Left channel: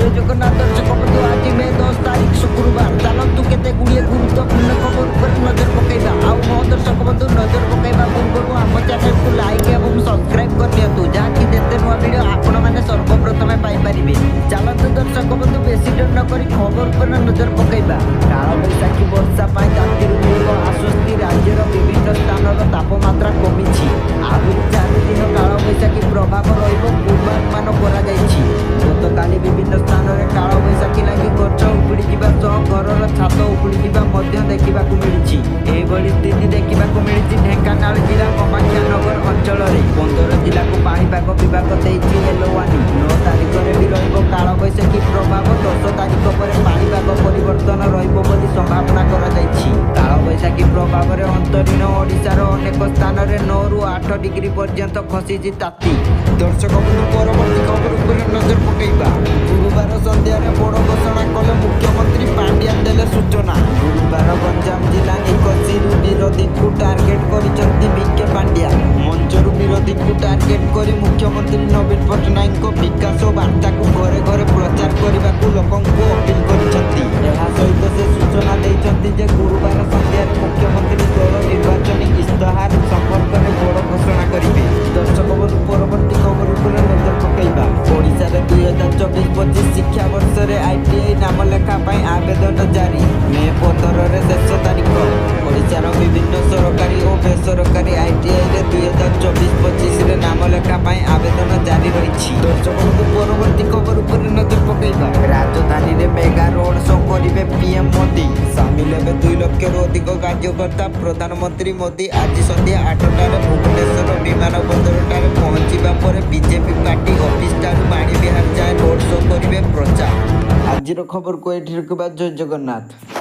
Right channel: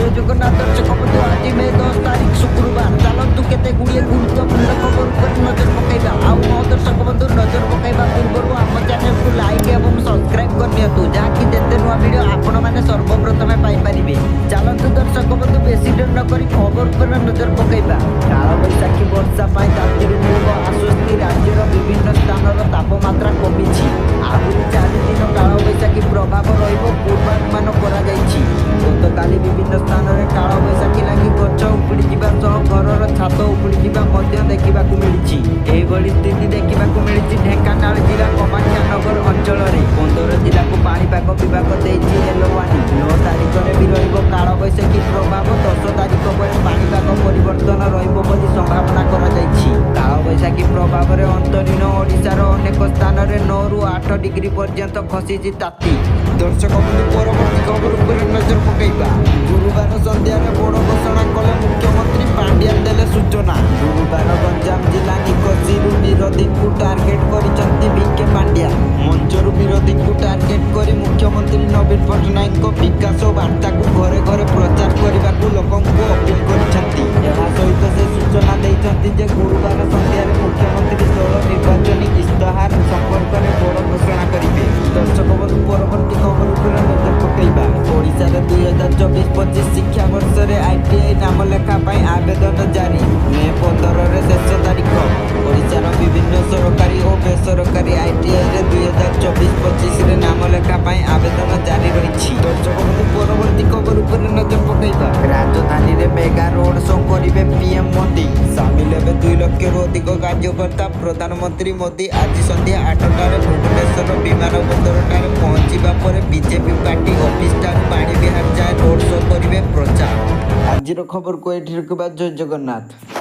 जय जगन्नाथ दर्शक बंधु आज मे 10 तारीख शुक्रवार चलतु केते गुड़िए गुरुत्वपूर्ण खबर उपर नजर पकेबा आउ मो दर्शक बंधु नजर पकेबा पूर्व आम चैनल को लाइक एवं सब्सक्राइब कर दियतु जहाँकि जेते नुआ वीडियो आपण माने सर्वप्रथमे पाई परिबे। चलतु दर्शक बंधु बेसी डर न करी खबर उपर नजर पकेबा। काल बैशाखी वर्षा पाई तातीरु मिलिबो आश्वस्ति। राज्यर विभिन्न स्थानर तापमात्रा कमिछि। आहुरी 4 दिन काल बैशाखी प्रभाव रहिबो पूर्वानुमान करा जाइछि। गतकाली विभिन्न स्थान में काल बैशाखी लगी गच उपुड़ी जावा सह घर छात उपुड़ी जावा मध्य देखा मिली। एभली स्थिति देखा मिली ढेंकानाल जिला कामाक्षानगर अंचल में 15 जिला को पाणीपाग विभाग देइछि येलो वार्निंग। 9 तारिख में भी रहिबो काल बैशाखी प्रभाव। 10 तारिख पर पाणीपाग परिवर्तन रहिबो बोली संभावना करा जाइछि। काल बैशाखी प्रभाव में अंतरीण ओडिशार अनेक स्थान में 9 रु 8 डिग्री पर्यंत खसीछि ताती। दर्शक बंधु परवर्ती खबर उपर नजर पकेबा। गुरुवार संध्यार बड़ घोषणा कले मुख्यमंत्री पांड्यान देले सूचना। गुरुवार गंजाम जिला निकसिरु विरोधी को टार्गेट करिसंती बीके पांड्या। मंचरु विरोधी को टार्गेट करी मुख्यमंत्री नवीन पट्टनायक विकास वार्ता को घरे घरे प्रचार करने को लोकों को अपील करिसंती। एहा सहित से सूचना देइसंती जे गुरुवार संध्यार मुख्यमंत्री दल निर्वाचन इस्ताहार संपर्क में बड़ घोषणा करिवे। दर्शक बंधु परवर्ती खबर उपर नजर पकेबा। ओडिशा रे 2024-25 शिक्षा वर्ष रे आईटीआई नाम लेखा पाई आवेदन जारी। मे 15 रे शेष तारीख। ओडिशार विभिन्न सरकारी और बेसरकारी आईटीआई रे 2024-25 रे नाम लेखा पाई आवेदन जारी रही। दर्शक बंधु परवर्ती खबर उपर नजर पकेबा। राजधानी रे मेगा रोड शो करिवे पीएम मोदी। सामिल हेबे 2 लाख रु अधिक कार्यकर्ता। प्रधानमंत्री मोदी आज संध्या 8टार भुवनेश्वर विमानबंदर ठारे पहुंचीबा पर बीजेपी पार्टी ऑफिस ठारू बाणी विहार जाए रोड शो करिवे प्रचार। आजिर खबर को एठी रखबा। जय जगन्नाथ।